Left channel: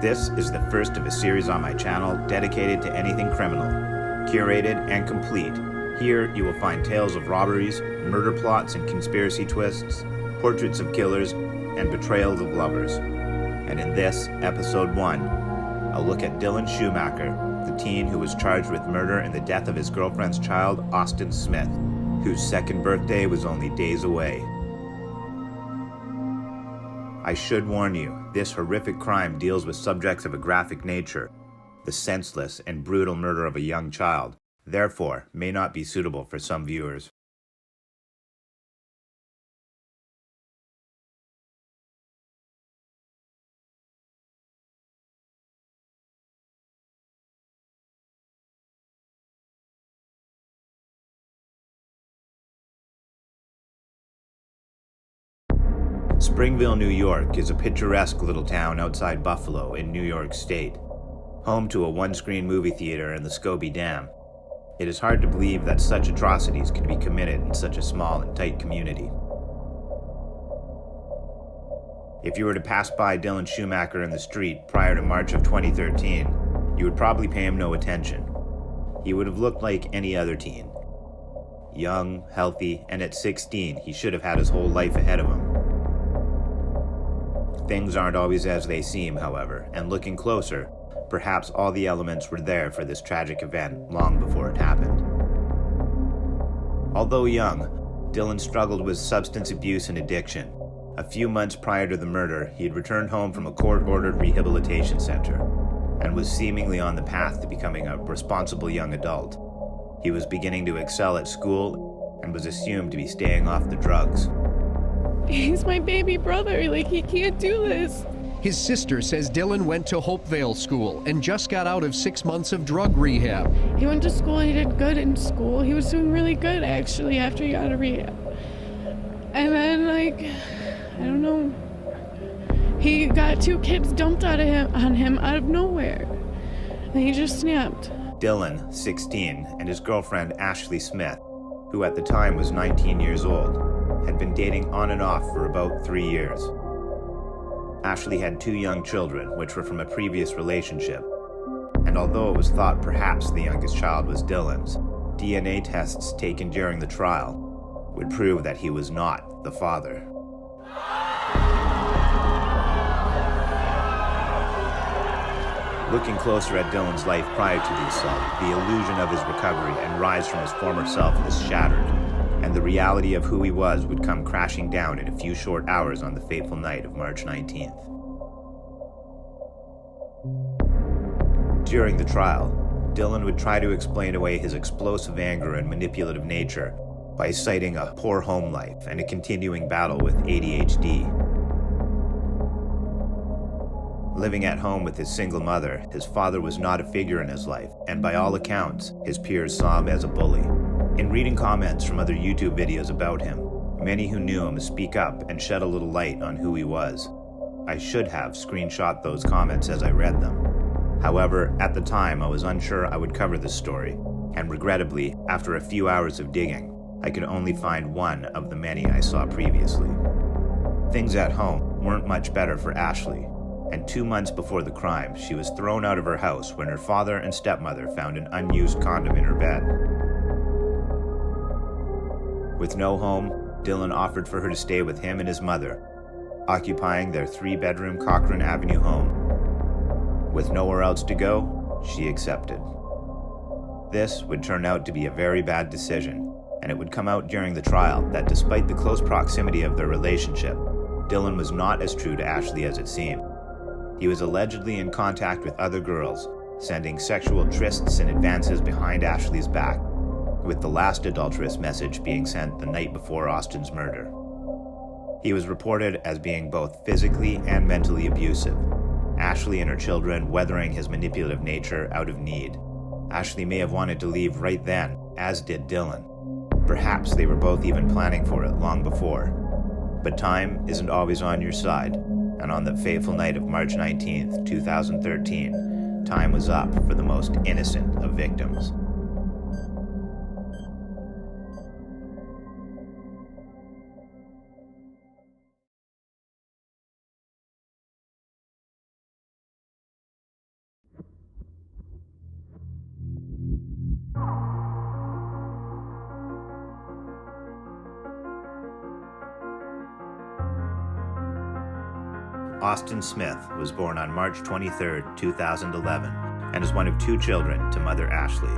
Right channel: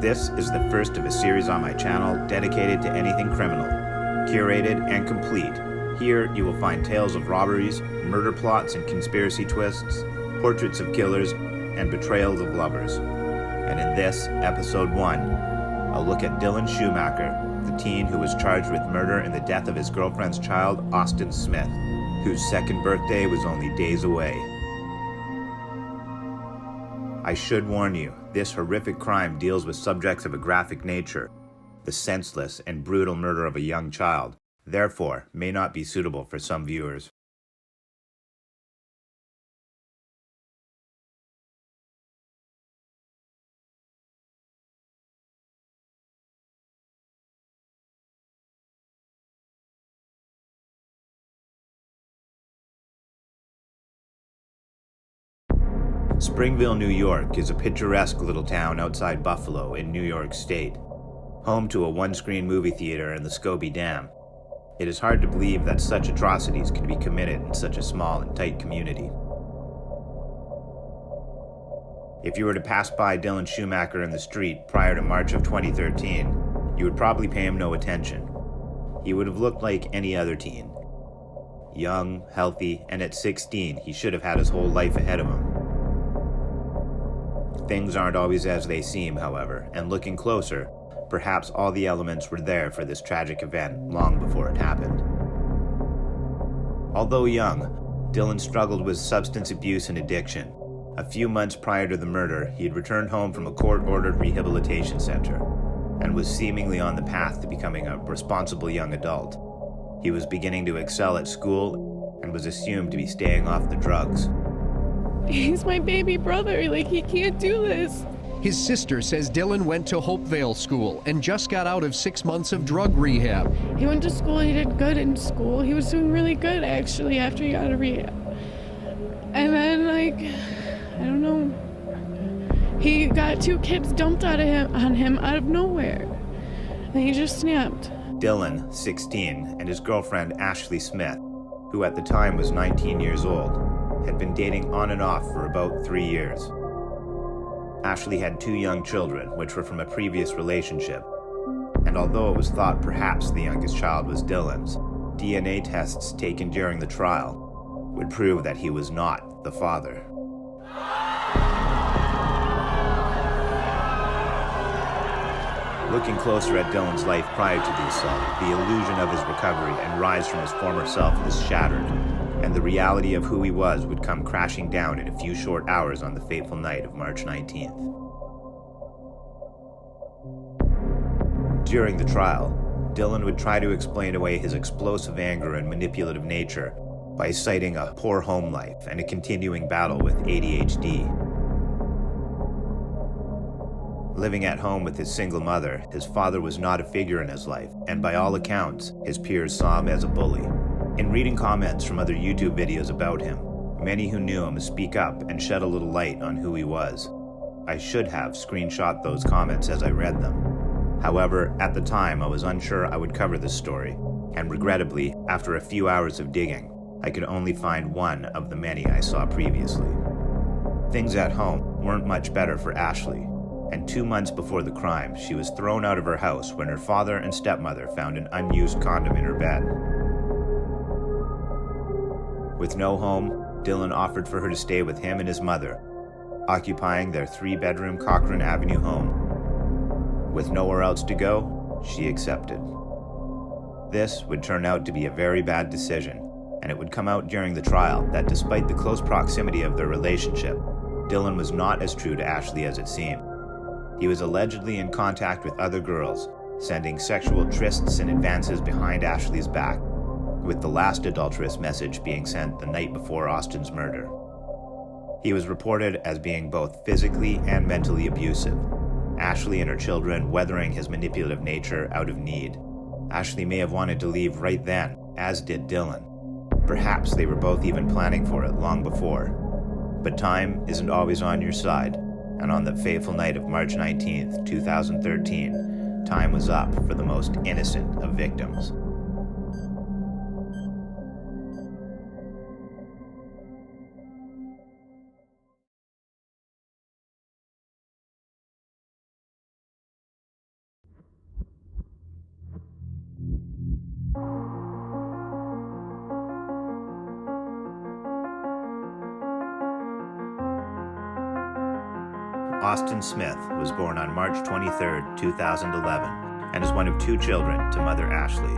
This is the first of a series on my channel dedicated to anything criminal. Curated and complete, here you will find tales of robberies, murder plots and conspiracy twists, portraits of killers, and betrayals of lovers. And in this, episode 1, I'll look at Dylan Schumaker, the teen who was charged with murder in the death of his girlfriend's child, Austin Smith, whose second birthday was only days away. I should warn you, this horrific crime deals with subjects of a graphic nature, the senseless and brutal murder of a young child, therefore may not be suitable for some viewers. Springville, New York is a picturesque little town outside Buffalo in New York State, home to a one-screen movie theater and the Scobie Dam. It is hard to believe that such atrocities could be committed in such a small and tight community. If you were to pass by Dylan Schumaker in the street prior to March of 2013, you would probably pay him no attention. He would have looked like any other teen. Young, healthy, and at 16, he should have had his whole life ahead of him. Things aren't always as they seem, however, and looking closer, perhaps all the elements were there for this tragic event long before it happened. Although young, Dylan struggled with substance abuse and addiction. A few months prior to the murder, he had returned home from a court-ordered rehabilitation center and was seemingly on the path to becoming a responsible young adult. He was beginning to excel at school and was assumed to be staying off the drugs. He's my baby brother, he can't do this. His sister says Dylan went to Hopevale School and just got out of 6 months of drug rehab. He went to school, he did good in school. He was doing really good, actually, after he got out of rehab. And then, I don't know, he got 2 kids dumped on him out of nowhere. And he just snapped. Dylan, 16, and his girlfriend Ashley Smith, who at the time was 19 years old, had been dating on and off for about 3 years. Ashley had 2 young children, which were from a previous relationship, and although it was thought perhaps the youngest child was Dylan's, DNA tests taken during the trial would prove that he was not the father. Looking closer at Dylan's life prior to the assault, the illusion of his recovery and rise from his former self was shattered, and the reality of who he was would come crashing down in a few short hours on the fateful night of March 19th. During the trial, Dylan would try to explain away his explosive anger and manipulative nature by citing a poor home life and a continuing battle with ADHD. Living at home with his single mother, his father was not a figure in his life, and by all accounts, his peers saw him as a bully. In reading comments from other YouTube videos about him, many who knew him speak up and shed a little light on who he was. I should have screenshot those comments as I read them. However, at the time I was unsure I would cover this story, and regrettably, after a few hours of digging, I could only find one of the many I saw previously. Things at home weren't much better for Ashley, and 2 months before the crime, she was thrown out of her house when her father and stepmother found an unused condom in her bed. With no home, Dylan offered for her to stay with him and his mother, occupying their 3-bedroom Cochrane Avenue home. With nowhere else to go, she accepted. This would turn out to be a very bad decision, and it would come out during the trial that despite the close proximity of their relationship, Dylan was not as true to Ashley as it seemed. He was allegedly in contact with other girls, sending sexual trysts and advances behind Ashley's back, with the last adulterous message being sent the night before Austin's murder. He was reported as being both physically and mentally abusive, Ashley and her children weathering his manipulative nature out of need. Ashley may have wanted to leave right then, as did Dylan. Perhaps they were both even planning for it long before. But time isn't always on your side, and on the fateful night of March 19th, 2013, time was up for the most innocent of victims. Austin Smith was born on March 23, 2011, and is one of 2 children to mother Ashley.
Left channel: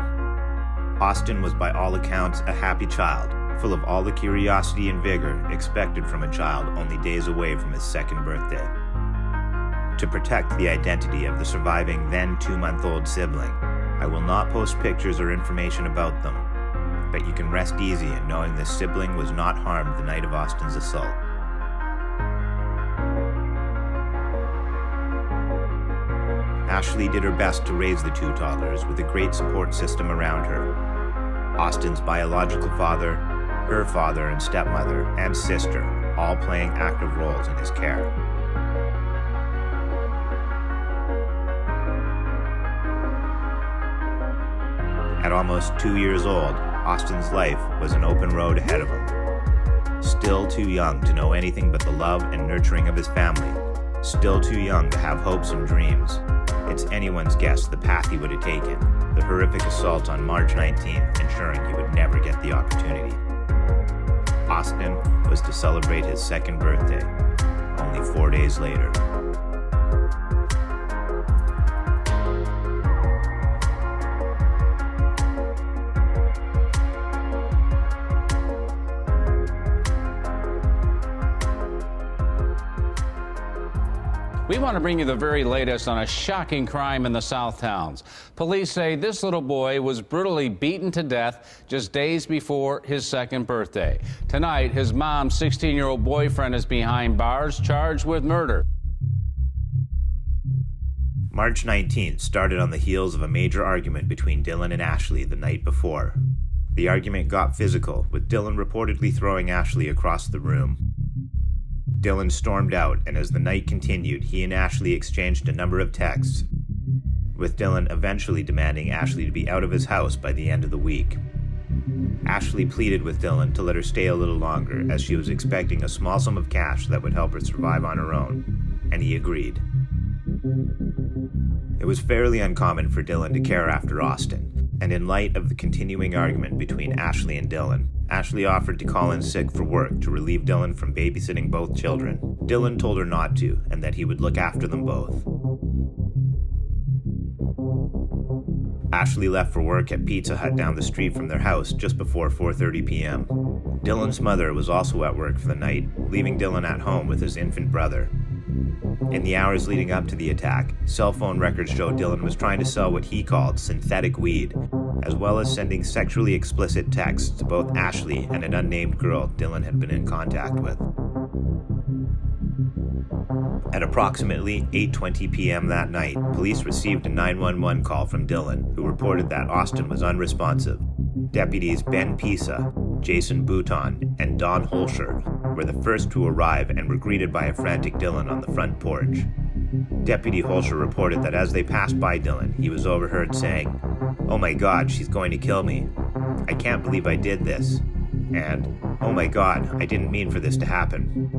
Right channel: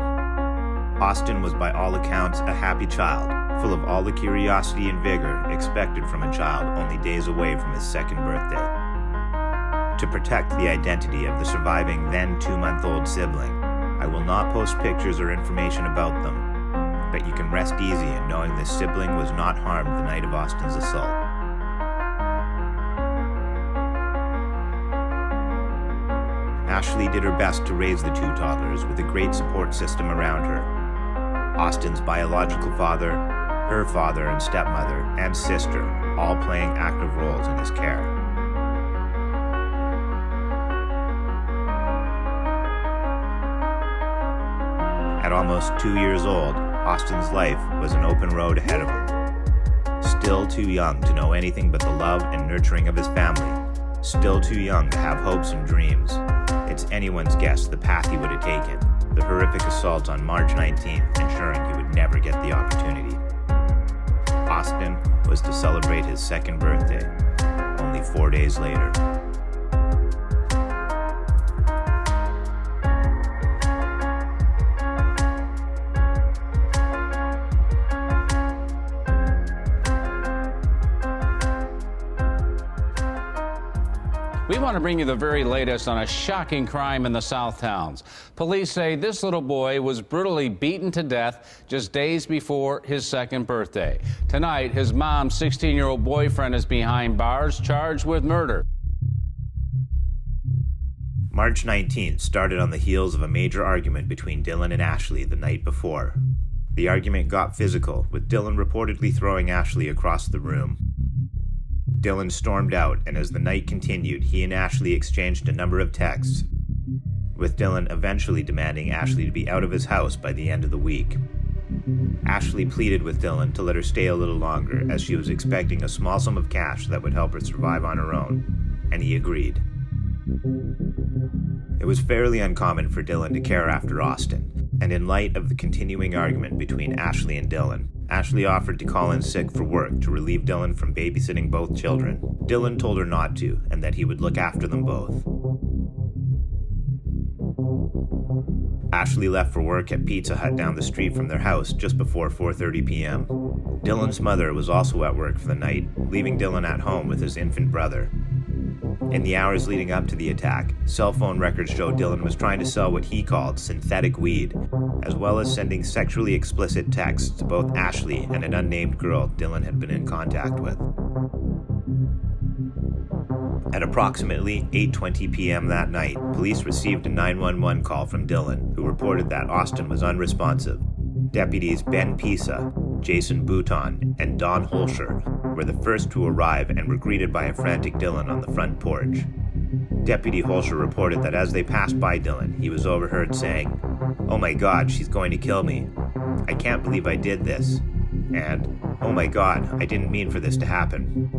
Austin was by all accounts a happy child, full of all the curiosity and vigor expected from a child only days away from his 2nd birthday. To protect the identity of the surviving then 2-month-old sibling, I will not post pictures or information about them, but you can rest easy in knowing this sibling was not harmed the night of Austin's assault. Ashley did her best to raise the 2 toddlers with a great support system around her. Austin's biological father, her father and stepmother, and sister all playing active roles in his care. At almost 2 years old, Austin's life was an open road ahead of him. Still too young to know anything but the love and nurturing of his family. Still too young to have hopes and dreams. It's anyone's guess the path he would have taken, the horrific assault on March 19th, ensuring he would never get the opportunity. Austin was to celebrate his 2nd birthday, only 4 days later. We want to bring you the very latest on a shocking crime in the South Towns. Police say this little boy was brutally beaten to death just days before his 2nd birthday. Tonight, his mom's 16-year-old boyfriend is behind bars, charged with murder. March 19th started on the heels of a major argument between Dylan and Ashley the night before. The argument got physical, with Dylan reportedly throwing Ashley across the room. Dylan stormed out, and as the night continued, he and Ashley exchanged a number of texts, with Dylan eventually demanding Ashley to be out of his house by the end of the week. Ashley pleaded with Dylan to let her stay a little longer, as she was expecting a small sum of cash that would help her survive on her own, and he agreed. It was fairly uncommon for Dylan to care after Austin, and in light of the continuing argument between Ashley and Dylan, Ashley offered to call in sick for work to relieve Dylan from babysitting both children. Dylan told her not to, and that he would look after them both. Ashley left for work at Pizza Hut down the street from their house just before 4:30 p.m. Dylan's mother was also at work for the night, leaving Dylan at home with his infant brother. In the hours leading up to the attack, cell phone records showed Dylan was trying to sell what he called synthetic weed, as well as sending sexually explicit texts to both Ashley and an unnamed girl Dylan had been in contact with. At approximately 8:20 p.m. that night, police received a 911 call from Dylan, who reported that Austin was unresponsive. Deputies Ben Pisa, Jason Bouton, and Don Holscher were the first to arrive and were greeted by a frantic Dylan on the front porch. Deputy Holscher reported that as they passed by Dylan, he was overheard saying, "Oh my God, she's going to kill me. I can't believe I did this." And, "Oh my God, I didn't mean for this to happen."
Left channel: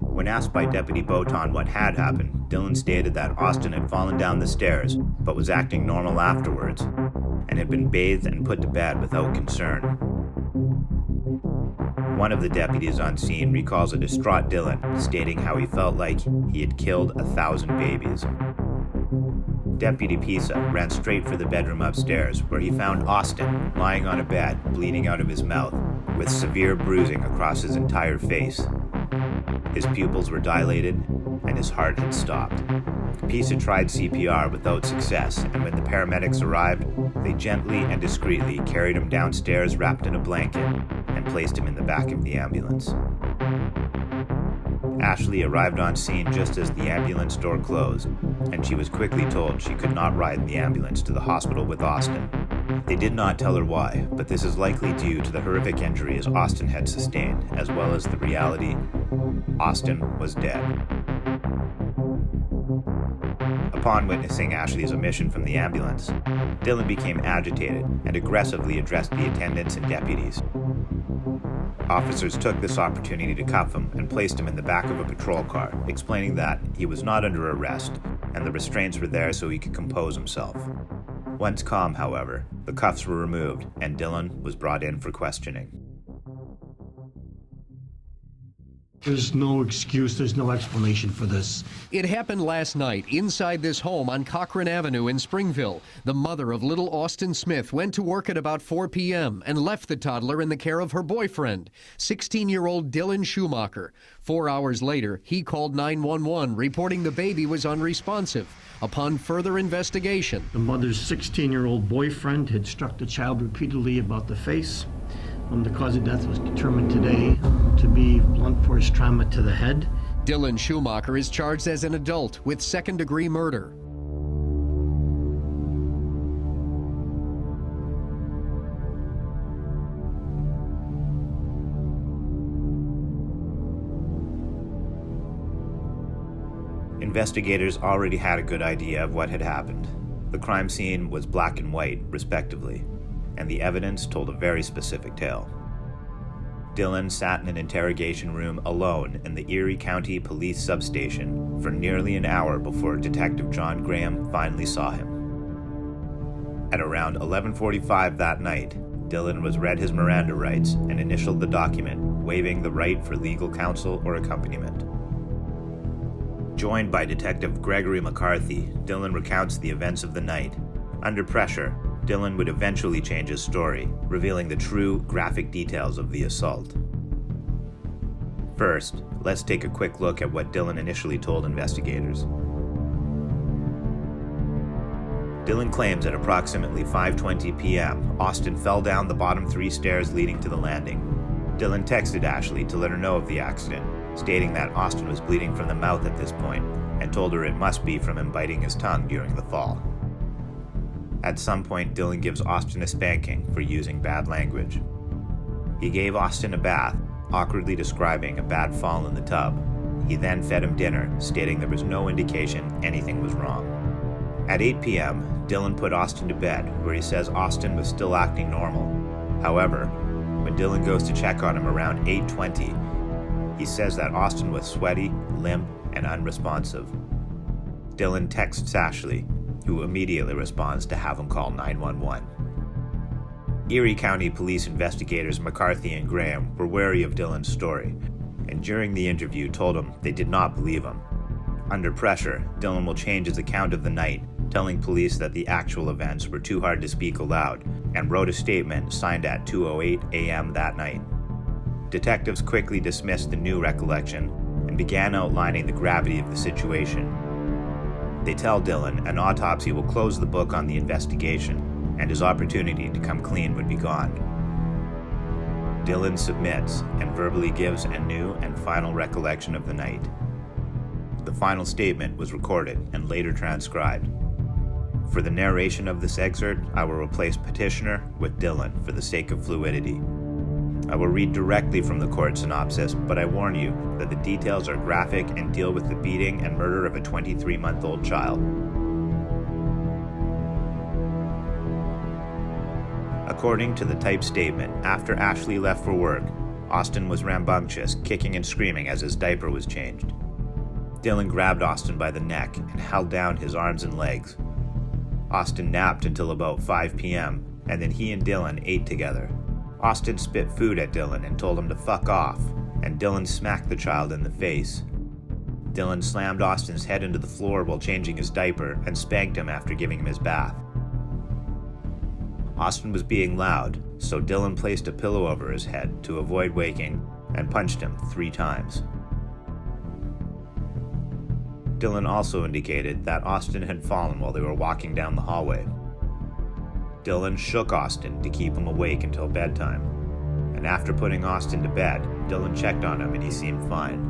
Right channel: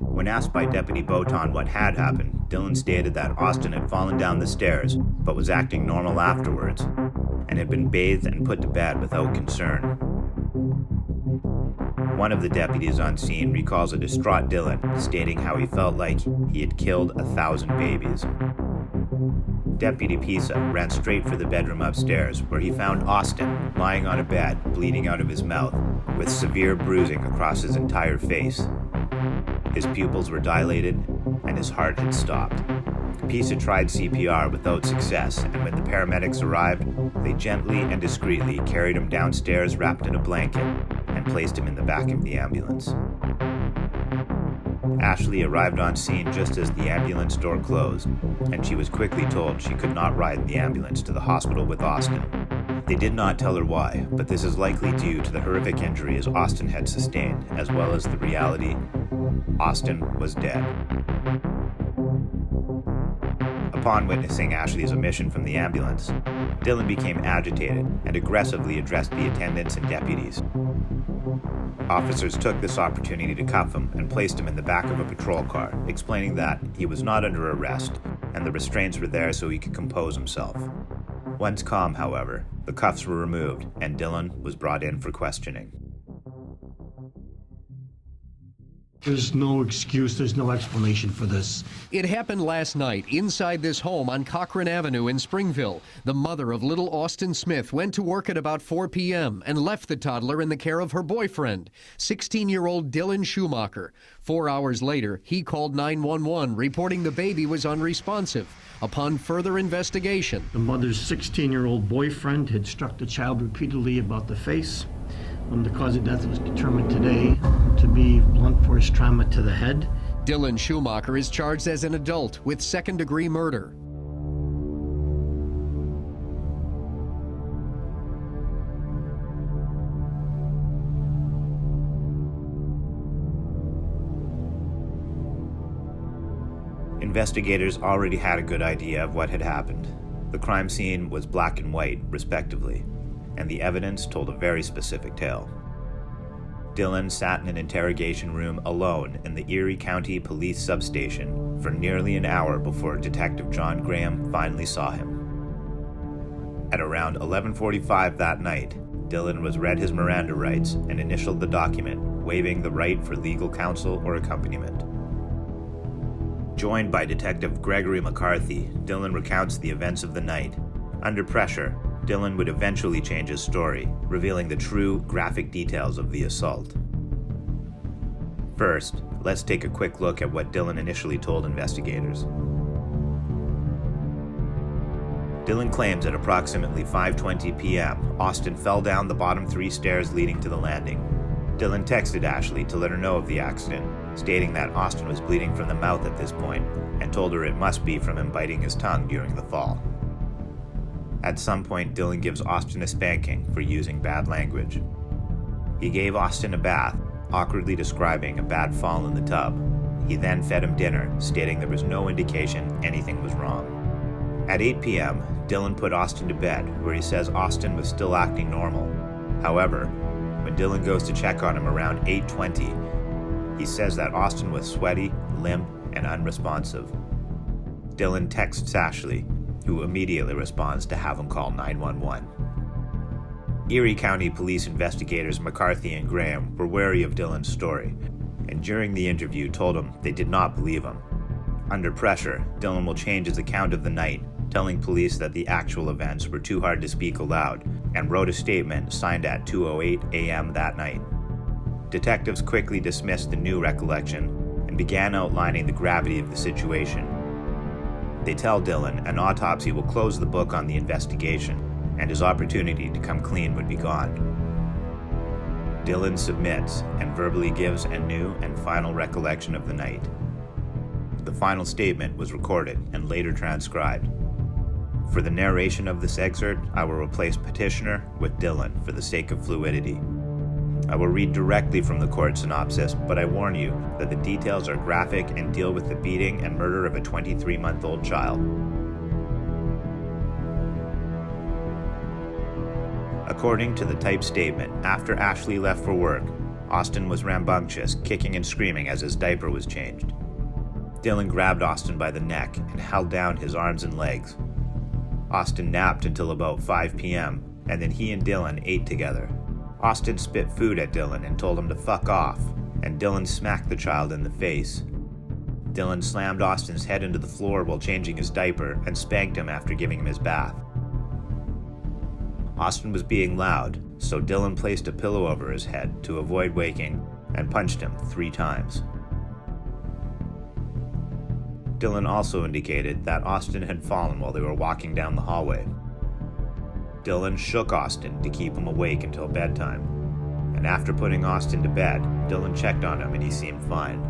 When asked by Deputy Bouton what had happened, Dylan stated that Austin had fallen down the stairs, but was acting normal afterwards, and had been bathed and put to bed without concern. One of the deputies on scene recalls a distraught Dylan, stating how he felt like he had killed 1,000 babies. Deputy Pisa ran straight for the bedroom upstairs, where he found Austin lying on a bed, bleeding out of his mouth, with severe bruising across his entire face. His pupils were dilated, and his heart had stopped. Pisa tried CPR without success, and when the paramedics arrived, they gently and discreetly carried him downstairs wrapped in a blanket and placed him in the back of the ambulance. Ashley arrived on scene just as the ambulance door closed, and she was quickly told she could not ride in the ambulance to the hospital with Austin. They did not tell her why, but this is likely due to the horrific injuries Austin had sustained, as well as the reality Austin was dead. Upon witnessing Ashley's omission from the ambulance, Dylan became agitated and aggressively addressed the attendants and deputies. Officers took this opportunity to cuff him and placed him in the back of a patrol car, explaining that he was not under arrest and the restraints were there so he could compose himself. Once calm, however, the cuffs were removed and Dylan was brought in for questioning. There's no excuse, there's no explanation for this. It happened last night inside this home on Cochran Avenue in Springville. The mother of little Austin Smith went to work at about 4 p.m. and left the toddler in the care of her boyfriend, 16-year-old Dylan Schumaker. 4 hours later, he called 911, reporting the baby was unresponsive. Upon further investigation, The mother's 16-year-old boyfriend had struck the child repeatedly about the face. The cause of death was determined today to be blunt force trauma to the head. Dylan Schumaker is charged as an adult with second-degree murder. Investigators already had a good idea of what had happened. The crime scene was black and white, respectively, and the evidence told a very specific tale. Dylan sat in an interrogation room alone in the Erie County Police substation for nearly an hour before Detective John Graham finally saw him. At around 11:45 that night, Dylan was read his Miranda rights and initialed the document, waiving the right for legal counsel or accompaniment. Joined by Detective Gregory McCarthy, Dylan recounts the events of the night. Under pressure, Dylan would eventually change his story, revealing the true, graphic details of the assault. First, let's take a quick look at what Dylan initially told investigators. Dylan claims at approximately 5:20 p.m., Austin fell down the bottom 3 stairs leading to the landing. Dylan texted Ashley to let her know of the accident, stating that Austin was bleeding from the mouth at this point, and told her it must be from him biting his tongue during the fall. At some point, Dylan gives Austin a spanking for using bad language. He gave Austin a bath, awkwardly describing a bad fall in the tub. He then fed him dinner, stating there was no indication anything was wrong. At 8 p.m., Dylan put Austin to bed, where he says Austin was still acting normal. However, when Dylan goes to check on him around 8:20, he says that Austin was sweaty, limp, and unresponsive. Dylan texts Ashley, who immediately responds to have him call 911. Erie County Police investigators McCarthy and Graham were wary of Dylan's story, and during the interview told him they did not believe him. Under pressure, Dylan will change his account of the night, telling police that the actual events were too hard to speak aloud, and wrote a statement signed at 2:08 a.m. that night. Detectives quickly dismissed the new recollection and began outlining the gravity of the situation. They tell Dylan an autopsy will close the book on the investigation, and his opportunity to come clean would be gone. Dylan submits and verbally gives a new and final recollection of the night. The final statement was recorded and later transcribed. For the narration of this excerpt, I will replace petitioner with Dylan for the sake of fluidity. I will read directly from the court synopsis, but I warn you that the details are graphic and deal with the beating and murder of a 23-month-old child. According to the typed statement, after Ashley left for work, Austin was rambunctious, kicking and screaming as his diaper was changed. Dylan grabbed Austin by the neck and held down his arms and legs. Austin napped until about 5 p.m., and then he and Dylan ate together. Austin spit food at Dylan and told him to fuck off, and Dylan smacked the child in the face. Dylan slammed Austin's head into the floor while changing his diaper and spanked him after giving him his bath. Austin was being loud, so Dylan placed a pillow over his head to avoid waking and punched him 3 times. Dylan also indicated that Austin had fallen while they were walking down the hallway. Dylan shook Austin to keep him awake until bedtime, and after putting Austin to bed, Dylan checked on him and he seemed fine.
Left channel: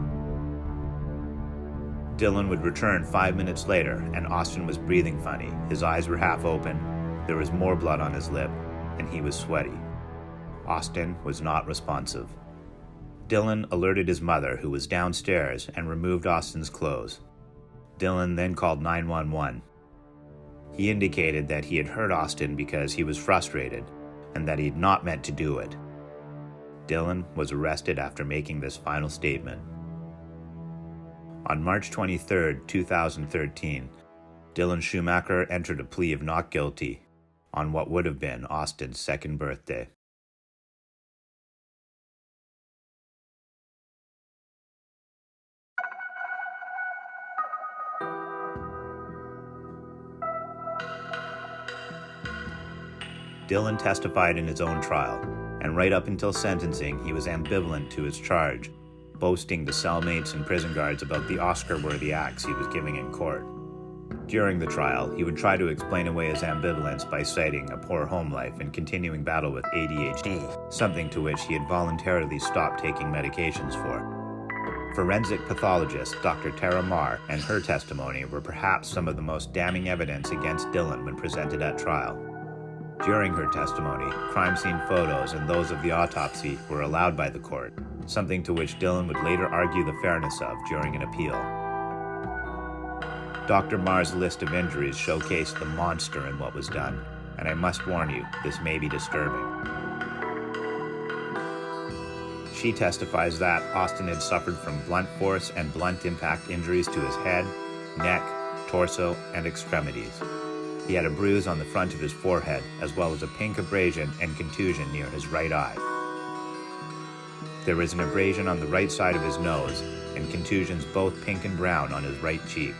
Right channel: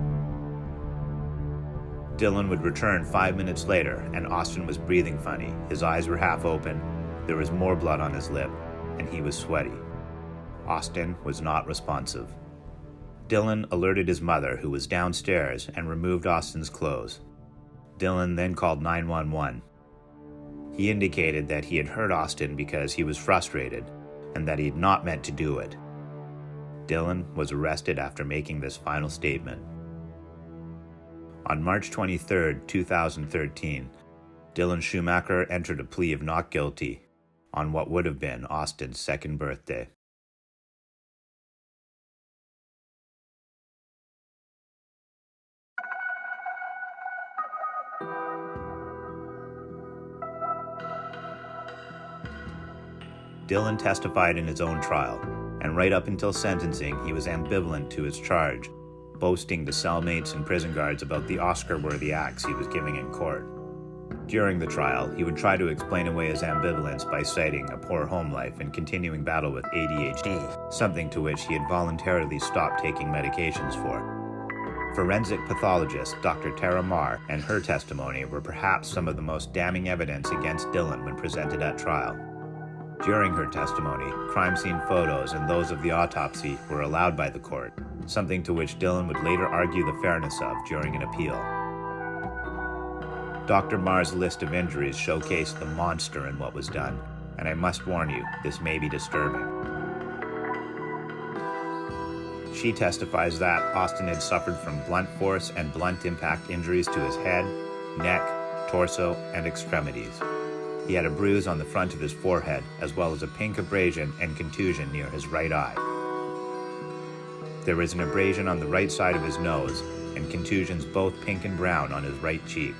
Dylan would return 5 minutes later, and Austin was breathing funny, his eyes were half open, there was more blood on his lip, and he was sweaty. Austin was not responsive. Dylan alerted his mother, who was downstairs, and removed Austin's clothes. Dylan then called 911. He indicated that he had hurt Austin because he was frustrated and that he had not meant to do it. Dylan was arrested after making this final statement. On March 23, 2013, Dylan Schumaker entered a plea of not guilty on what would have been Austin's 2nd birthday. Dylan testified in his own trial, and right up until sentencing, he was ambivalent to his charge, boasting to cellmates and prison guards about the Oscar-worthy acts he was giving in court. During the trial, he would try to explain away his ambivalence by citing a poor home life and continuing battle with ADHD, something to which he had voluntarily stopped taking medications for. Forensic pathologist Dr. Tara Marr and her testimony were perhaps some of the most damning evidence against Dylan when presented at trial. During her testimony, crime scene photos and those of the autopsy were allowed by the court, something to which Dylan would later argue the fairness of during an appeal. Dr. Marr's list of injuries showcased the monster in what was done, and I must warn you, this may be disturbing. She testifies that Austin had suffered from blunt force and blunt impact injuries to his head, neck, torso, and extremities. He had a bruise on the front of his forehead, as well as a pink abrasion and contusion near his right eye. There was an abrasion on the right side of his nose, and contusions both pink and brown on his right cheek.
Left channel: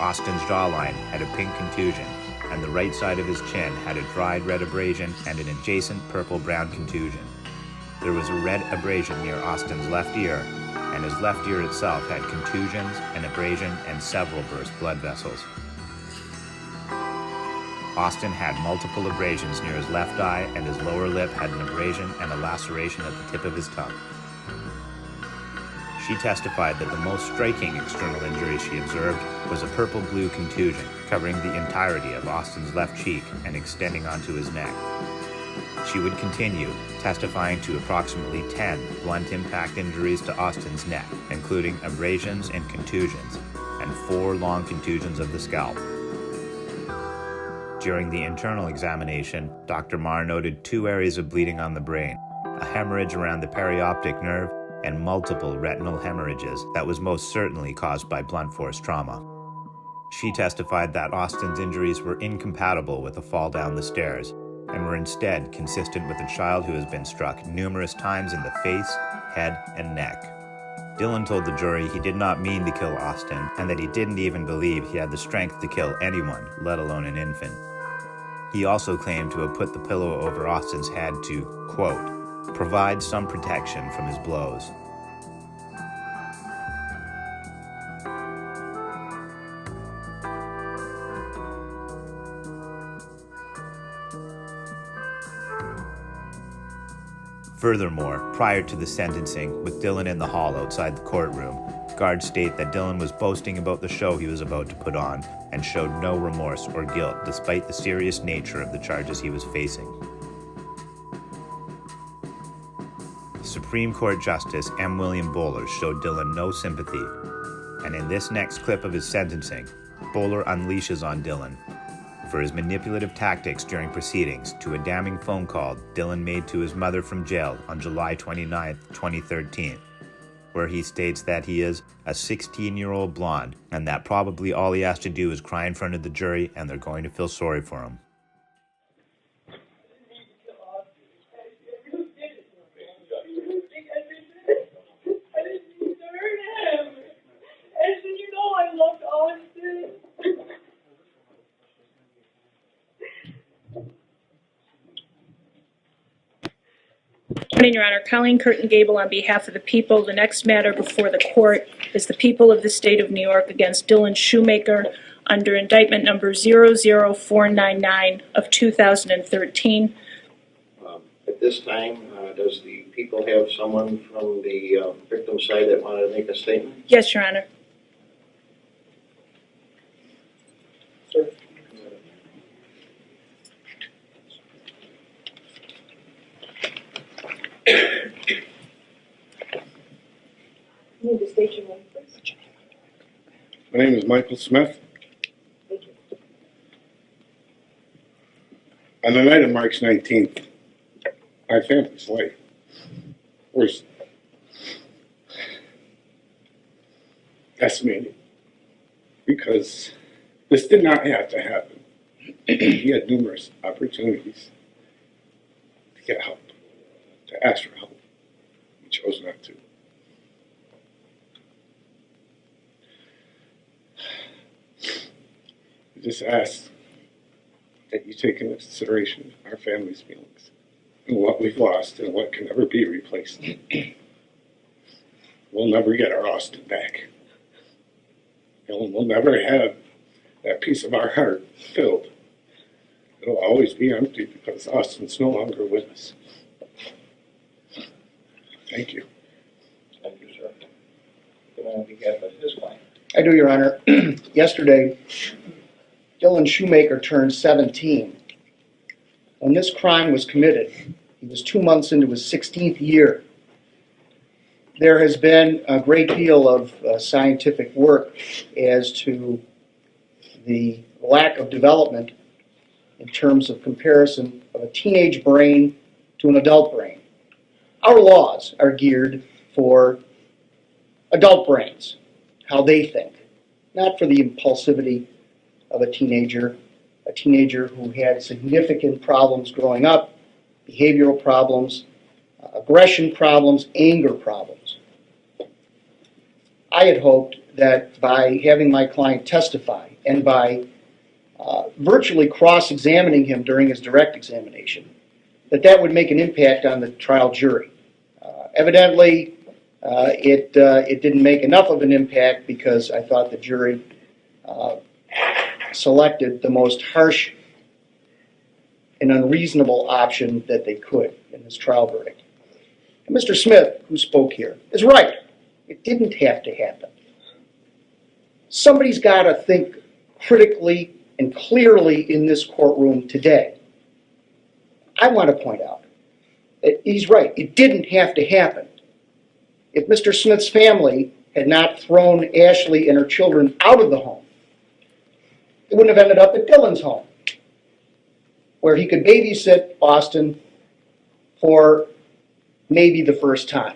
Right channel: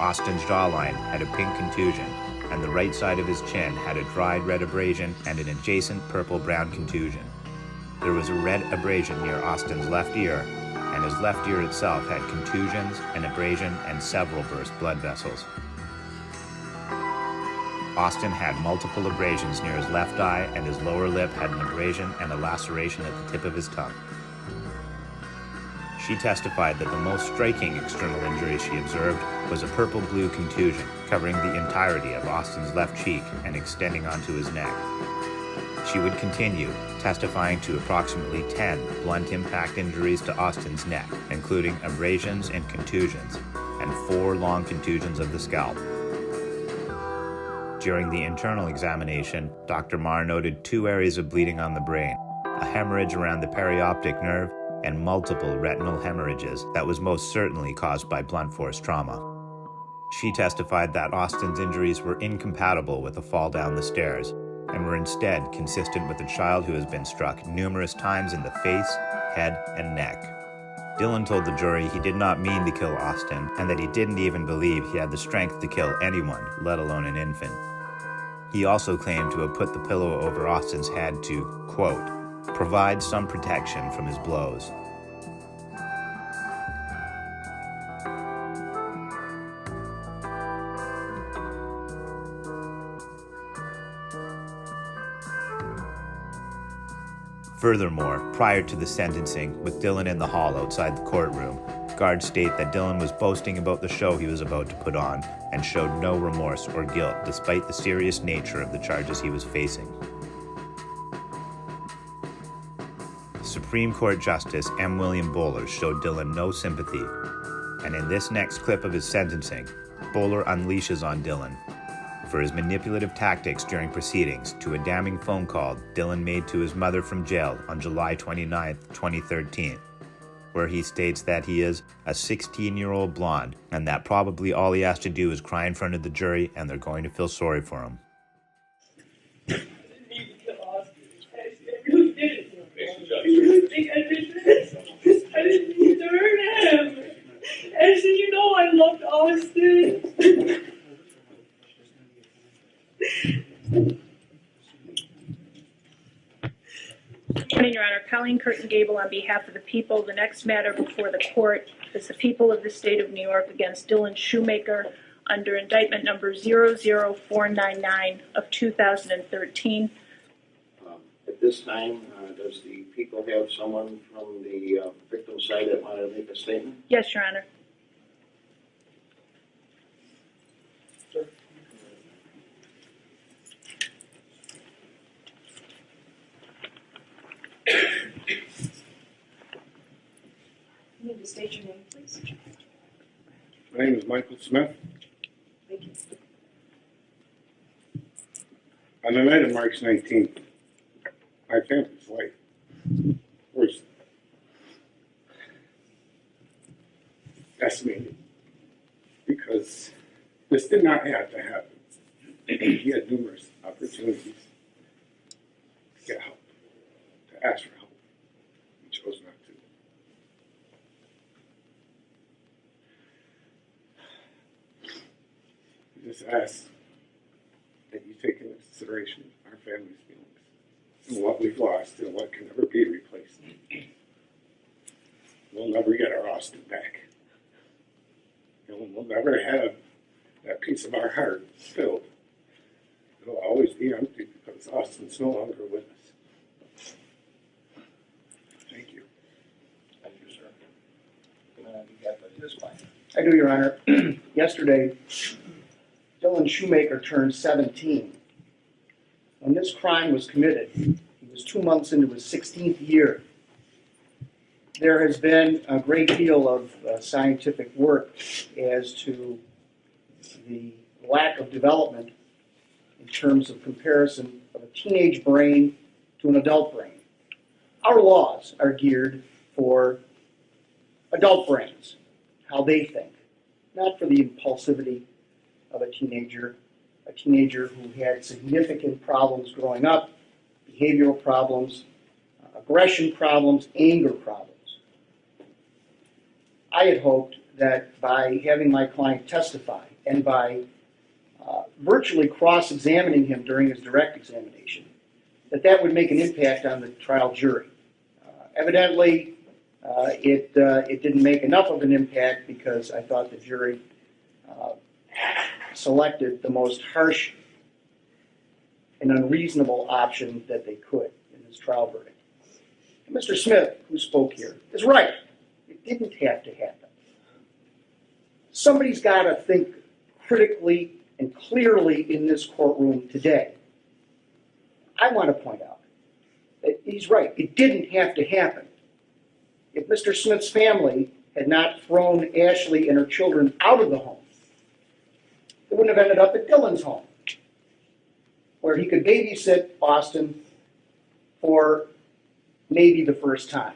Austin's jawline had a pink contusion, and the right side of his chin had a dried red abrasion and an adjacent purple-brown contusion. There was a red abrasion near Austin's left ear, and his left ear itself had contusions, an abrasion, and several burst blood vessels. Austin had multiple abrasions near his left eye, and his lower lip had an abrasion and a laceration at the tip of his tongue. She testified that the most striking external injury she observed was a purple-blue contusion covering the entirety of Austin's left cheek and extending onto his neck. She would continue, testifying to approximately 10 blunt impact injuries to Austin's neck, including abrasions and contusions, and 4 long contusions of the scalp. During the internal examination, Dr. Marr noted 2 areas of bleeding on the brain, a hemorrhage around the perioptic nerve, and multiple retinal hemorrhages that was most certainly caused by blunt force trauma. She testified that Austin's injuries were incompatible with a fall down the stairs, and were instead consistent with a child who has been struck numerous times in the face, head, and neck. Dylan told the jury he did not mean to kill Austin, and that he didn't even believe he had the strength to kill anyone, let alone an infant. He also claimed to have put the pillow over Austin's head to, quote, provide some protection from his blows. Furthermore, prior to the sentencing, with Dylan in the hall outside the courtroom, guards state that Dylan was boasting about the show he was about to put on and showed no remorse or guilt despite the serious nature of the charges he was facing. Supreme Court Justice M. William Bowler showed Dylan no sympathy, and in this next clip of his sentencing, Bowler unleashes on Dylan for his manipulative tactics during proceedings to a damning phone call Dylan made to his mother from jail on July 29, 2013, where he states that he is a 16-year-old blonde and that probably all he has to do is cry in front of the jury and they're going to feel sorry for him. I didn't mean to hurt him. I said, you know, I loved Austin. Morning, Your Honor. Colleen Curtin Gable on behalf of the people. The next matter before the court is the people of the state of New York against Dylan Schumaker under indictment number 00499 of 2013. At this time, does the people have someone from the victim side that wanted to make a statement? Yes, Your Honor. You need to state your name, please. My name is Michael Smith. Thank you. On the night of March 19th, my family's life was decimated because this did not have to happen. He had numerous opportunities to get help, to ask for help. He chose not to. Just ask that you take into consideration our family's feelings and what we've lost and what can never be replaced. We'll never get our Austin back. And we'll never have that piece of our heart filled. It'll always be empty because Austin's no longer with us. Thank you. Thank you, sir. Good on behalf of his client. I do, Your Honor. Yesterday, Dylan Schumaker turned 17. When this crime was committed, he was 2 months into his 16th year. There has been a great deal of scientific work as to the lack of development in terms of comparison of a teenage brain to an adult brain. Our laws are geared for adult brains, how they think, not for the impulsivity of a teenager who had significant problems growing up, behavioral problems, aggression problems, anger problems. I had hoped that by having my client testify and by virtually cross-examining him during his direct examination, that would make an impact on the trial jury. Evidently, it didn't make enough of an impact because I thought the jury selected the most harsh and unreasonable option that they could in this trial verdict. And Mr. Smith, who spoke here, is right. It didn't have to happen. Somebody's got to think critically and clearly in this courtroom today. I want to point out that he's right. It didn't have to happen. If Mr. Smith's family had not thrown Ashley and her children out of the home, it wouldn't have ended up at Dylan's home, where he could babysit Austin for maybe the first time,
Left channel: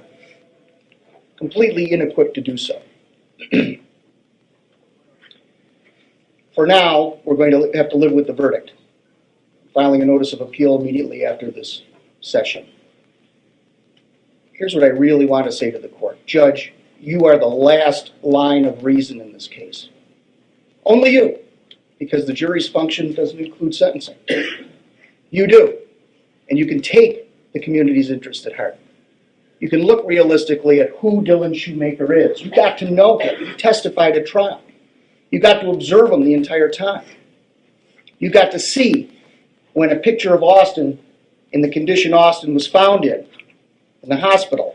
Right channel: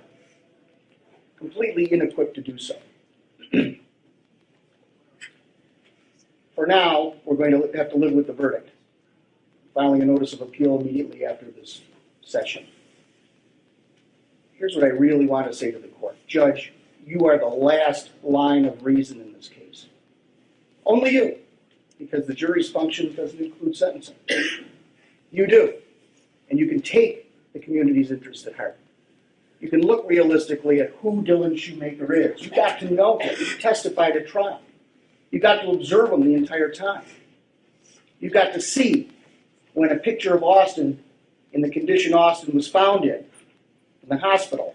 completely inequipped to do so. For now, we're going to have to live with the verdict, filing a notice of appeal immediately after this session. Here's what I really want to say to the court. Judge, you are the last line of reason in this case. Only you, because the jury's function doesn't include sentencing. You do, and you can take the community's interest at heart. You can look realistically at who Dylan Schumaker is. You got to know him. You testified at trial. You got to observe him the entire time. You got to see when a picture of Austin in the condition Austin was found in the hospital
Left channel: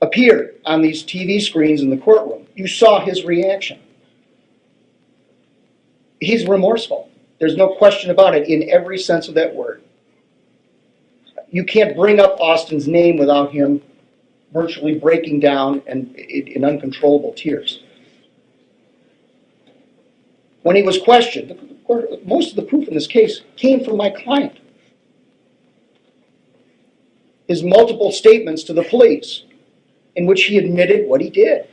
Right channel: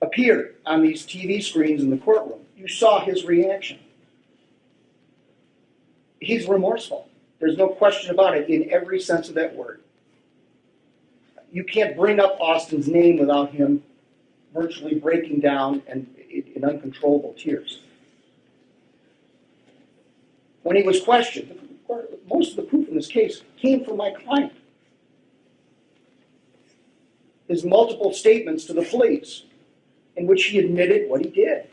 appeared on these TV screens in the courtroom. You saw his reaction. He's remorseful. There's no question about it in every sense of that word. You can't bring up Austin's name without him virtually breaking down and in uncontrollable tears. When he was questioned, most of the proof in this case came from my client. His multiple statements to the police in which he admitted what he did.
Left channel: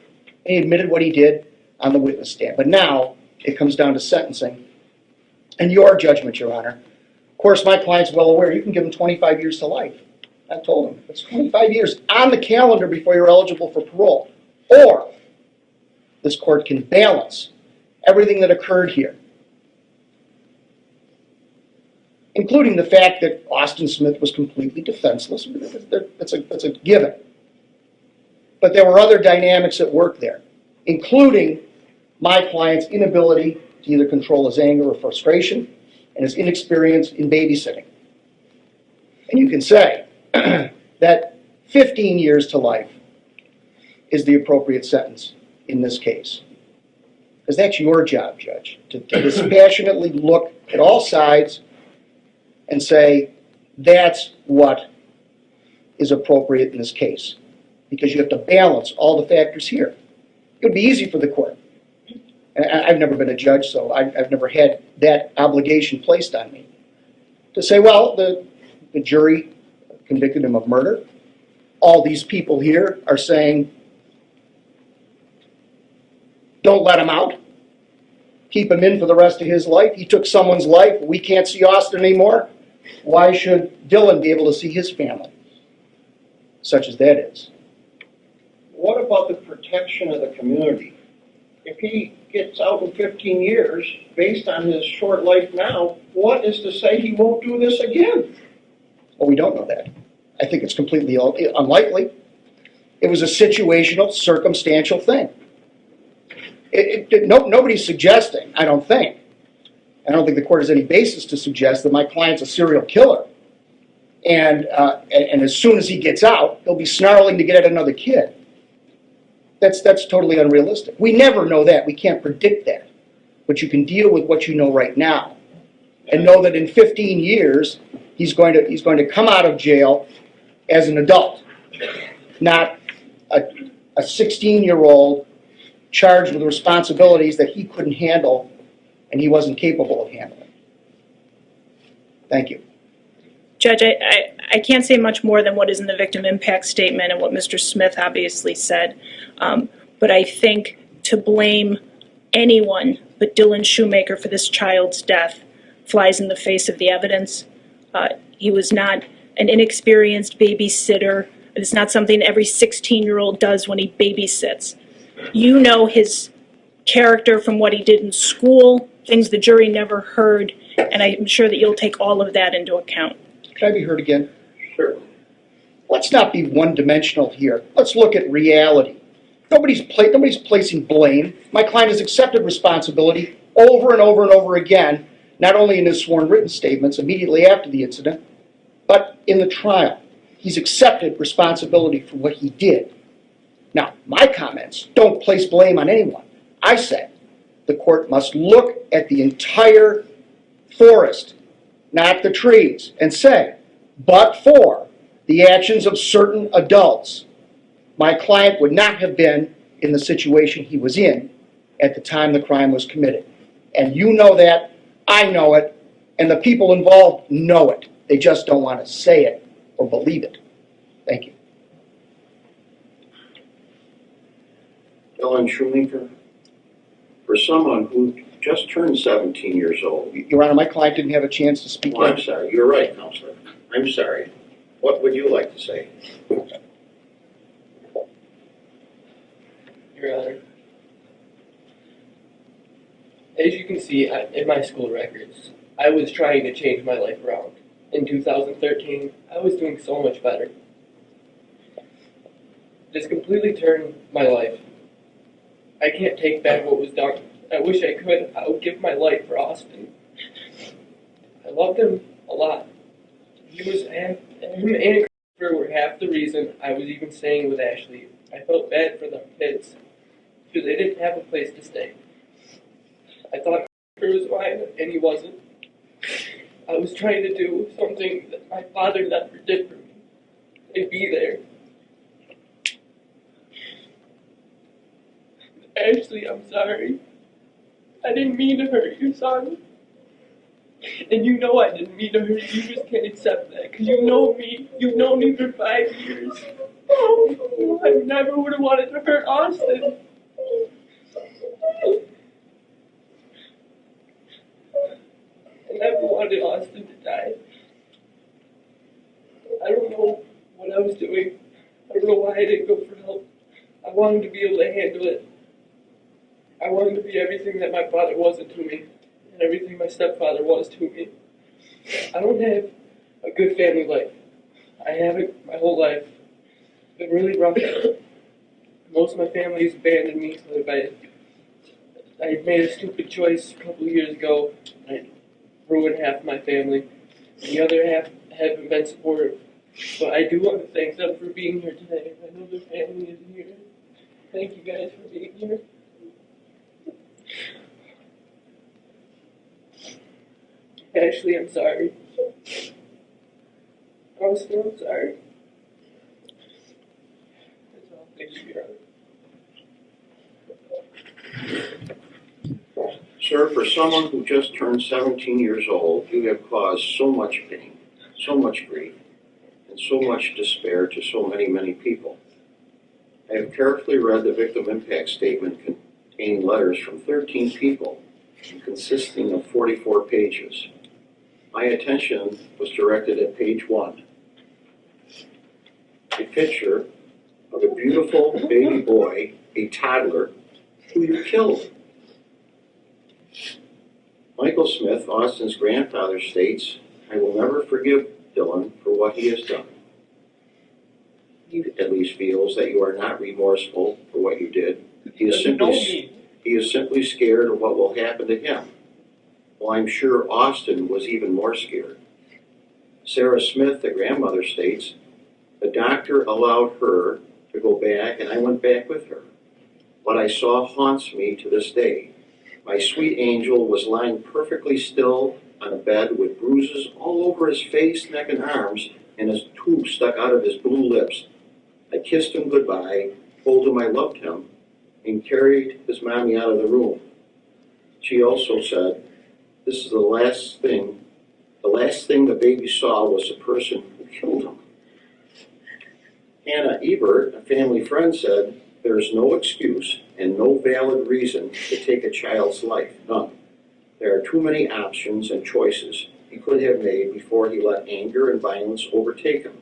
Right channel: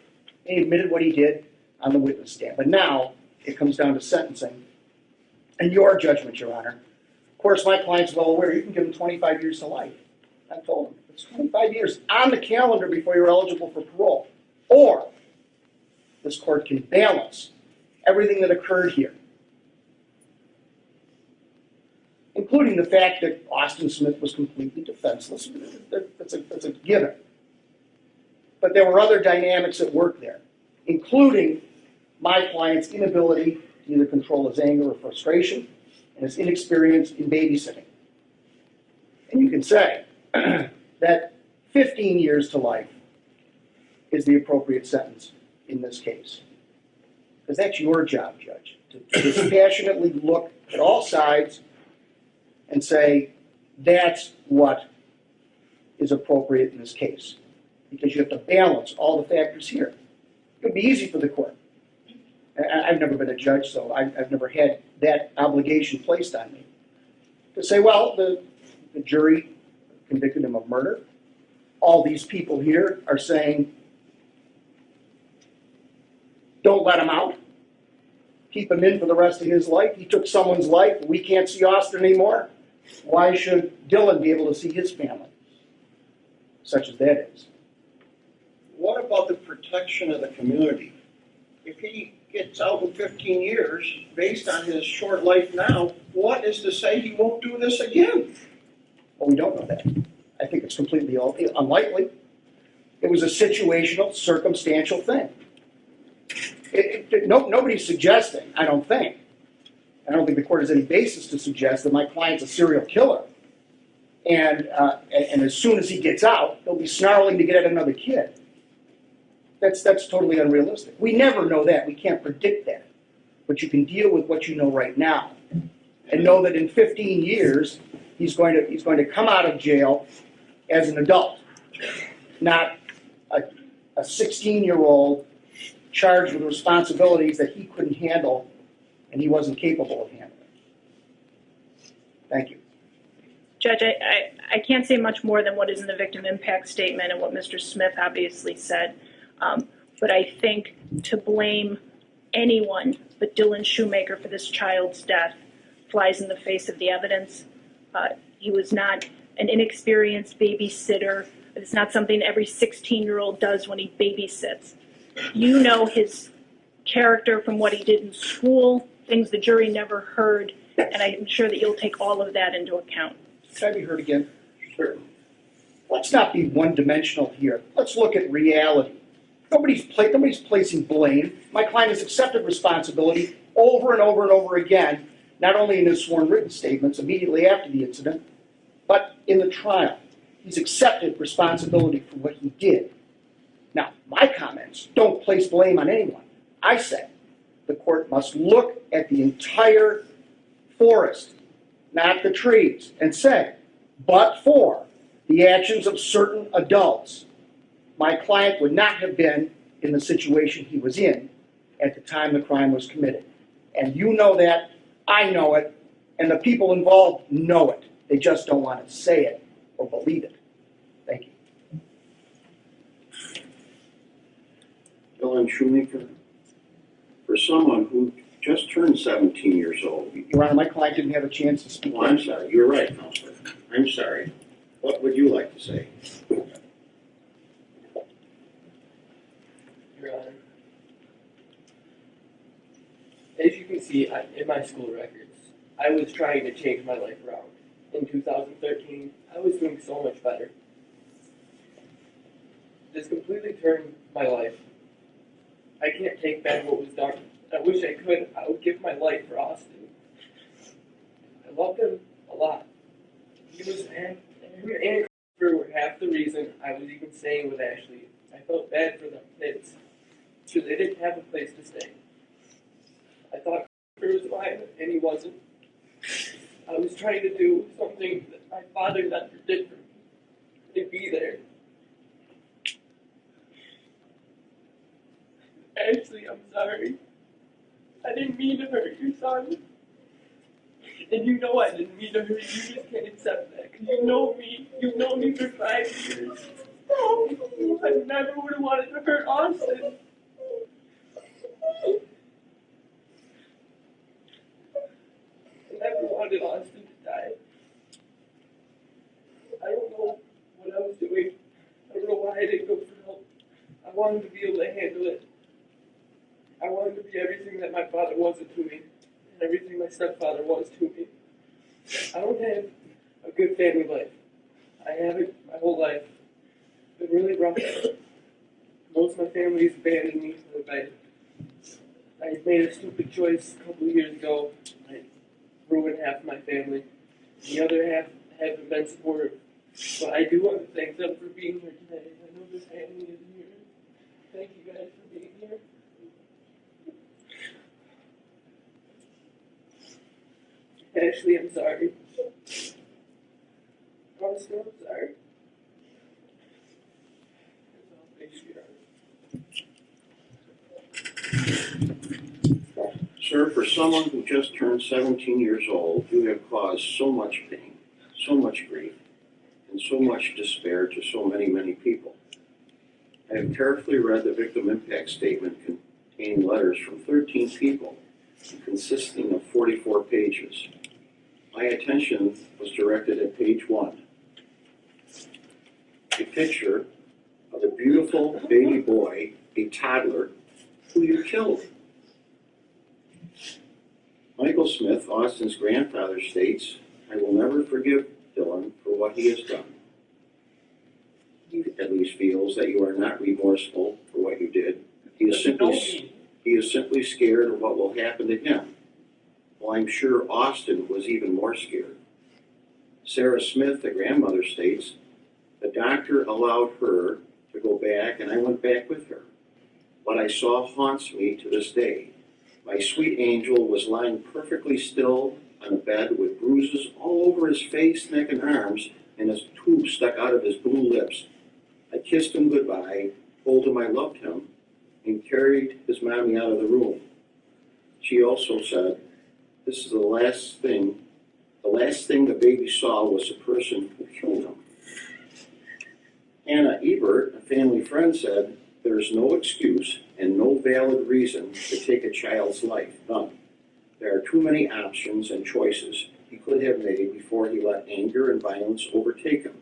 And he admitted what he did on the witness stand. But now it comes down to sentencing and your judgment, Your Honor. Of course, my client's well aware you can give him 25 years to life. I told him it's 25 years on the calendar before you're eligible for parole. Or this court can balance everything that occurred here, including the fact that Austin Smith was completely defenseless. That's a given. But there were other dynamics at work there, including my client's inability to either control his anger or frustration and his inexperience in babysitting. And you can say that 15 years to life is the appropriate sentence in this case. Because that's your job, Judge, to dispassionately look at all sides and say, that's what is appropriate in this case. Because you have to balance all the factors here. It would be easy for the court. And I've never been a judge, so I've never had that obligation placed on me. To say, well, the jury convicted him of murder. All these people here are saying, don't let him out. Keep him in for the rest of his life. He took someone's life. We can't see Austin anymore. Why should Dylan be able to see his family? Such as that is. What about the protection of the community? If he gets out in 15 years, based on his short life now, what is to say he won't do this again? Well, we don't know that. I think it's completely unlikely. It was a situational, circumstantial thing. Nobody's suggesting, I don't think the court has any basis to suggest that my client's a serial killer. And as soon as he gets out, he'll be snarling to get at another kid. That's totally unrealistic. We never know that. We can't predict that. But you can deal with what you know right now, and know that in 15 years he's going to come out of jail as an adult, not a 16-year-old charged with responsibilities that he couldn't handle and he wasn't capable of handling. Thank you. Judge, I can't say much more than what is in the victim impact statement and what Mr. Smith obviously said. But I think to blame anyone but Dylan Schumaker for this child's death flies in the face of the evidence. He was not an inexperienced babysitter. It's not something every 16-year-old does when he babysits. You know his character from what he did in school, things the jury never heard, and I'm sure that you'll take all of that into account. Can I be heard again? Sure. Let's not be one-dimensional here. Let's look at reality. Nobody's placing blame. My client has accepted responsibility over and over and over again, not only in his sworn written statements immediately after the incident, but in the trial. He's accepted responsibility for what he did. Now, my comments don't place blame on anyone. I say the court must look at the entire forest, not the trees, and say, but for the actions of certain adults, my client would not have been in the situation he was in at the time the crime was committed. And you know that, I know it, and the people involved know it. They just don't want to say it or believe it. Thank you. Dylan Schumaker, for someone who just turned 17 years old. Your Honor, my client didn't have a chance to speak. Well, I'm sorry. You're right, Counselor. I'm sorry. What would you like to say? Your Honor, as you can see in my school records, I was trying to change my life around. In 2013, I was doing so much better. This completely turned my life. I can't take back what was done. I wish I could. I would give my life for Austin. I loved him a lot. Him and Christopher were half the reason I was even staying with Ashley. I felt bad for the kids because they didn't have a place to stay. I thought Christopher was mine, and he wasn't. I was trying to do something that my father never did for me, and be there. Ashley, I'm sorry. I didn't mean to hurt your son. And you know I didn't mean to hurt you. You just can't accept that. Because you know me. You've known me for 5 years. I never would have wanted to hurt Austin. I never wanted Austin to die. I don't know what I was doing. I don't know why I didn't go for help. I wanted to be able to handle it. I wanted to be everything that my father wasn't to me, and everything my stepfather was to me. I don't have a good family life. I haven't my whole life. It's been really rough. Most of my family has abandoned me. I made a stupid choice a couple of years ago. I ruined half of my family. The other half haven't been supportive. But I do want to thank them for being here today. I know their family is here. Thank you guys for being here. Ashley, I'm sorry. Austin, I'm sorry. That's all. Thank you, Your Honor. Sir, for someone who just turned 17 years old, you have caused so much pain, so much grief, and so much despair to so many, many people. I have carefully read the victim impact statement containing letters from 13 people and consisting of 44 pages. My attention was directed at page 1. A picture of a beautiful baby boy, a toddler, who you killed. Michael Smith, Austin's grandfather, states, "I will never forgive Dylan for what he has done. He at least feels that you are not remorseful for what you did. He is simply scared of what will happen to him." Well, I'm sure Austin was even more scared. Sarah Smith, the grandmother, states, "The doctor allowed her to go back, and I went back with her. What I saw haunts me to this day. My sweet angel was lying perfectly still on a bed with bruises all over his face, neck, and arms, and his tube stuck out of his blue lips. I kissed him goodbye, told him I loved him, and carried his mommy out of the room." She also said, "This is the last thing the baby saw was the person who killed him." Hannah Ebert, a family friend, said, "There is no excuse and no valid reason to take a child's life, none. There are too many options and choices he could have made before he let anger and violence overtake him.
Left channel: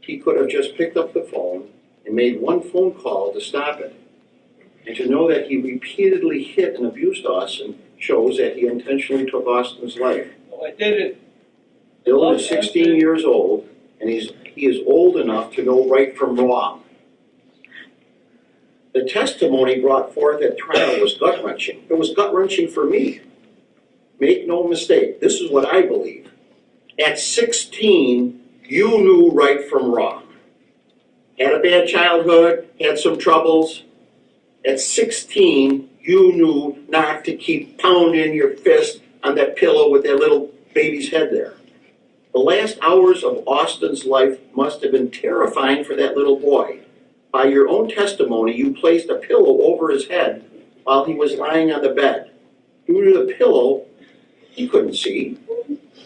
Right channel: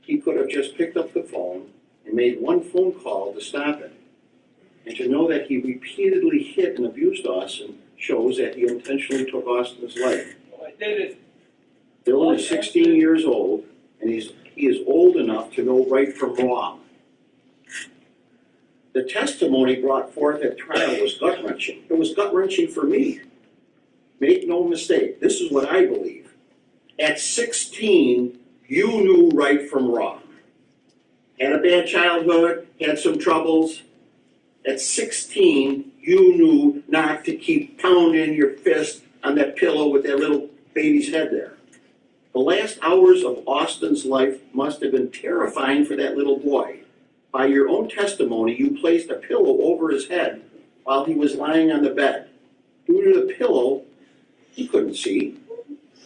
He could have just picked up the phone and made one phone call to stop it. And to know that he repeatedly hit and abused Austin shows that he intentionally took Austin's life." Oh, I did it. Dylan is 16 years old, and he is old enough to know right from wrong. The testimony brought forth at trial was gut-wrenching. It was gut-wrenching for me. Make no mistake, this is what I believe. At 16, you knew right from wrong. Had a bad childhood, had some troubles. At 16, you knew not to keep pounding your fist on that pillow with that little baby's head there. The last hours of Austin's life must have been terrifying for that little boy. By your own testimony, you placed a pillow over his head while he was lying on the bed. Due to the pillow, he couldn't see.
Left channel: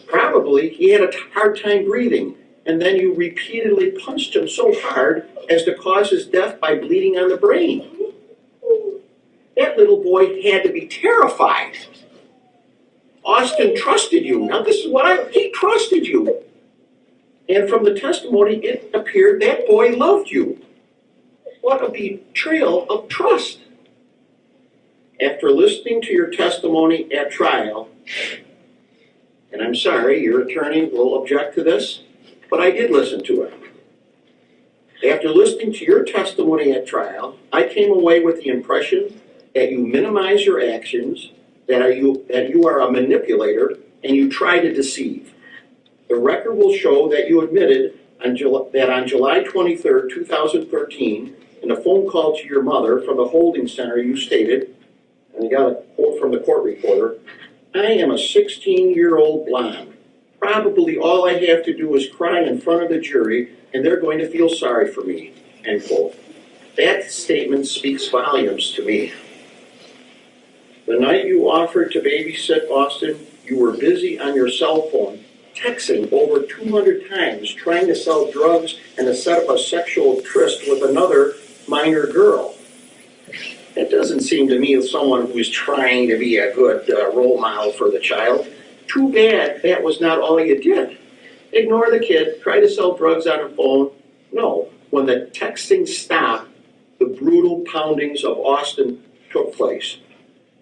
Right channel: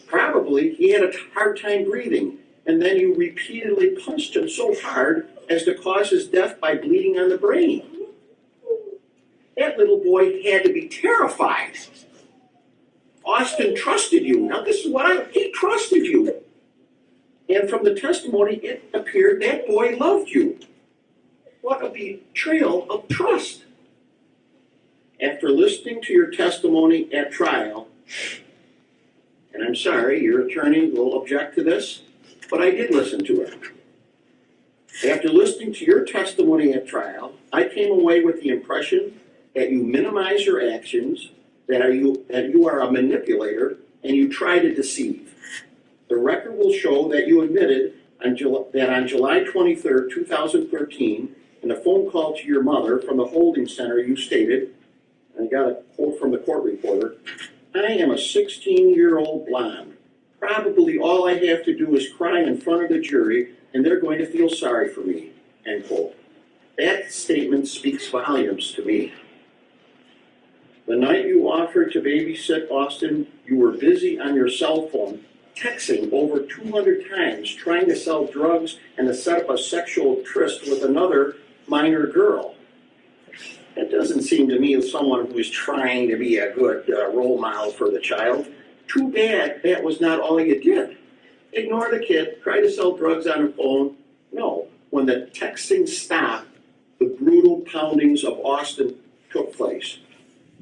Probably he had a hard time breathing, and then you repeatedly punched him so hard as to cause his death by bleeding on the brain. That little boy had to be terrified. Austin trusted you. Now this is he trusted you. And from the testimony, it appeared that boy loved you. What a betrayal of trust. After listening to your testimony at trial, and I'm sorry, your attorney will object to this, but I did listen to it. After listening to your testimony at trial, I came away with the impression that you minimize your actions, that you are a manipulator, and you try to deceive. The record will show that you admitted that on July 23rd, 2013, in a phone call to your mother from the holding center, you stated, and I got a quote from the court reporter, "I am a 16-year-old blonde. Probably all I have to do is cry in front of the jury, and they're going to feel sorry for me," end quote. That statement speaks volumes to me. The night you offered to babysit Austin, you were busy on your cell phone, texting over 200 times, trying to sell drugs and to set up a sexual tryst with another minor girl. That doesn't seem to me as someone who is trying to be a good role model for the child. Too bad that was not all you did. Ignore the kid, try to sell drugs on her phone. No, when the texting stopped, the brutal poundings of Austin took place.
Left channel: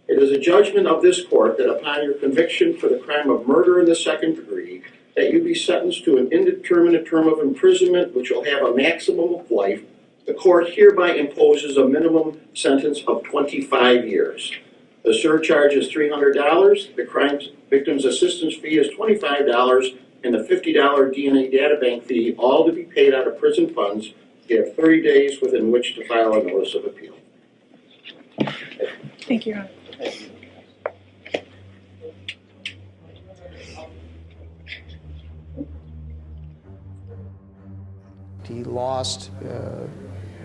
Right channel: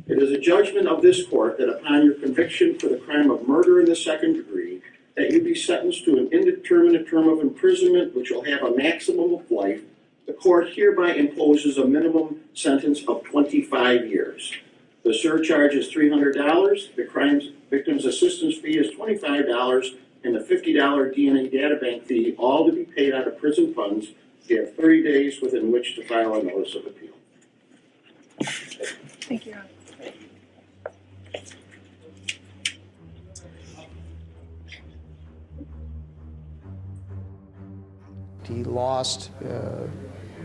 It is a judgment of this court that upon your conviction for the crime of murder in the second degree, that you be sentenced to an indeterminate term of imprisonment, which will have a maximum of life. The court hereby imposes a minimum sentence of 25 years. The surcharge is $300, the crime victim's assistance fee is $25, and the $50 DNA databank fee, all to be paid out of prison funds. You have 30 days within which to file a notice of appeal. Thank you, Your Honor. He lost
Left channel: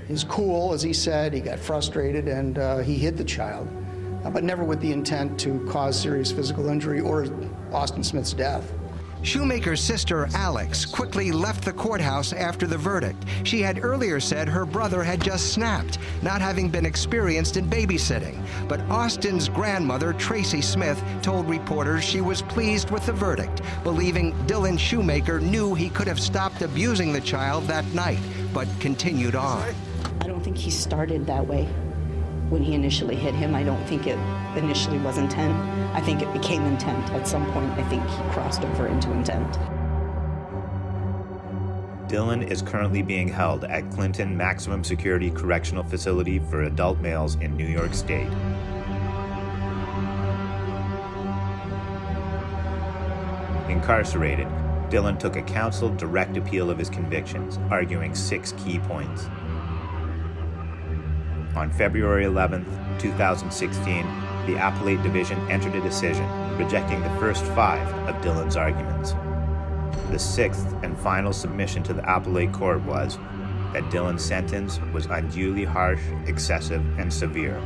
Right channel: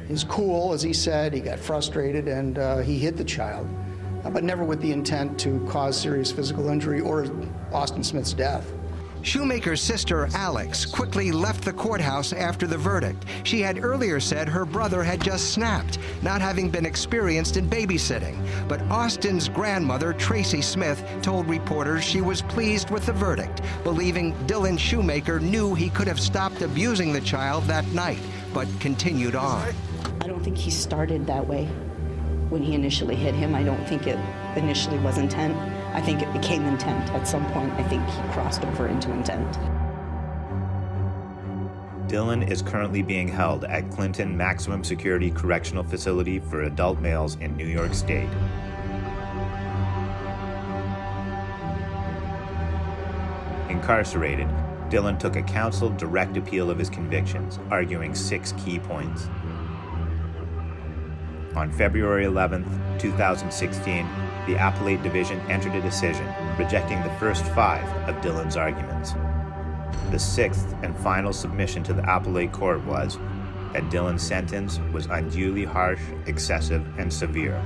his cool, as he said. He got frustrated and he hit the child, but never with the intent to cause serious physical injury or Austin Smith's death. Schumaker's sister, Alex, quickly left the courthouse after the verdict. She had earlier said her brother had just snapped, not having been experienced in babysitting. But Austin's grandmother, Tracy Smith, told reporters she was pleased with the verdict, believing Dylan Schumaker knew he could have stopped abusing the child that night, but continued on. I don't think he started that way when he initially hit him. I don't think it initially was intent. I think it became intent. At some point, I think he crossed over into intent. Dylan is currently being held at Clinton Maximum Security Correctional Facility for adult males in New York State. Incarcerated, Dylan took a counseled direct appeal of his convictions, arguing 6 key points. On February 11, 2016, the Appellate Division entered a decision rejecting the first 5 of Dylan's arguments. The 6th and final submission to the Appellate Court was that Dylan's sentence was unduly harsh, excessive, and severe.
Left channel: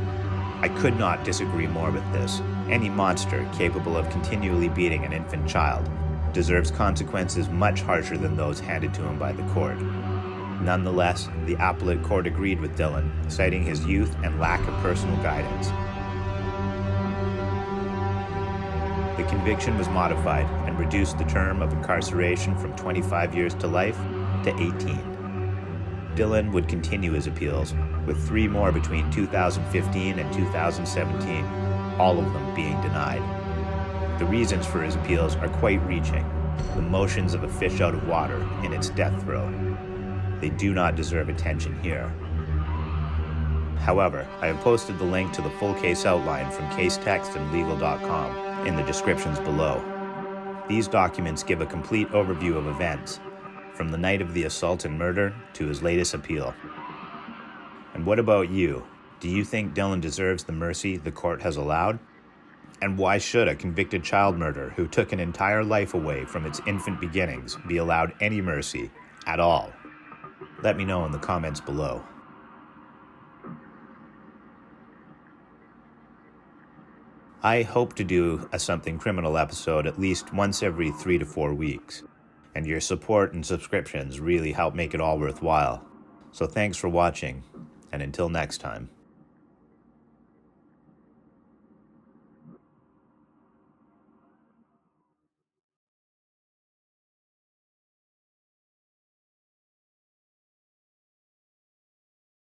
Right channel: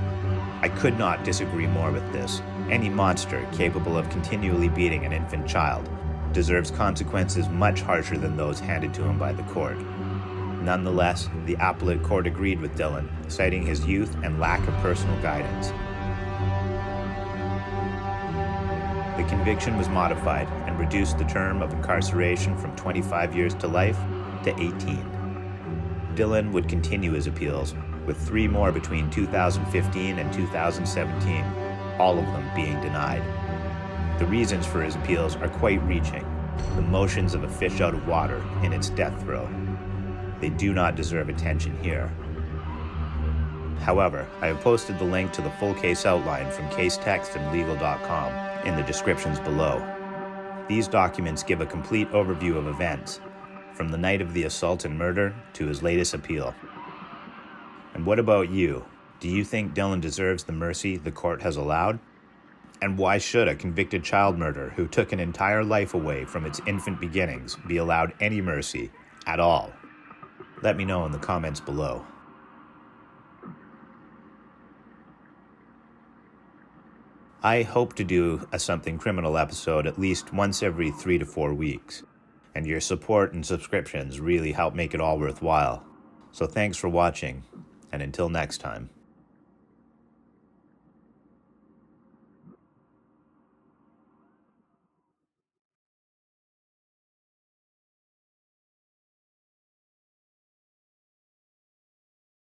I could not disagree more with this. Any monster capable of continually beating an infant child deserves consequences much harsher than those handed to him by the court. Nonetheless, the Appellate Court agreed with Dylan, citing his youth and lack of personal guidance. The conviction was modified and reduced the term of incarceration from 25 years to life to 18. Dylan would continue his appeals, with 3 more between 2015 and 2017, all of them being denied. The reasons for his appeals are quite reaching, the motions of a fish out of water in its death throe. They do not deserve attention here. However, I have posted the link to the full case outline from Casetext and Legal.com in the descriptions below. These documents give a complete overview of events, from the night of the assault and murder to his latest appeal. And what about you? Do you think Dylan deserves the mercy the court has allowed? And why should a convicted child murderer who took an entire life away from its infant beginnings be allowed any mercy at all? Let me know in the comments below. I hope to do a Something Criminal episode at least once every 3 to 4 weeks, and your support and subscriptions really help make it all worthwhile. So thanks for watching, and until next time.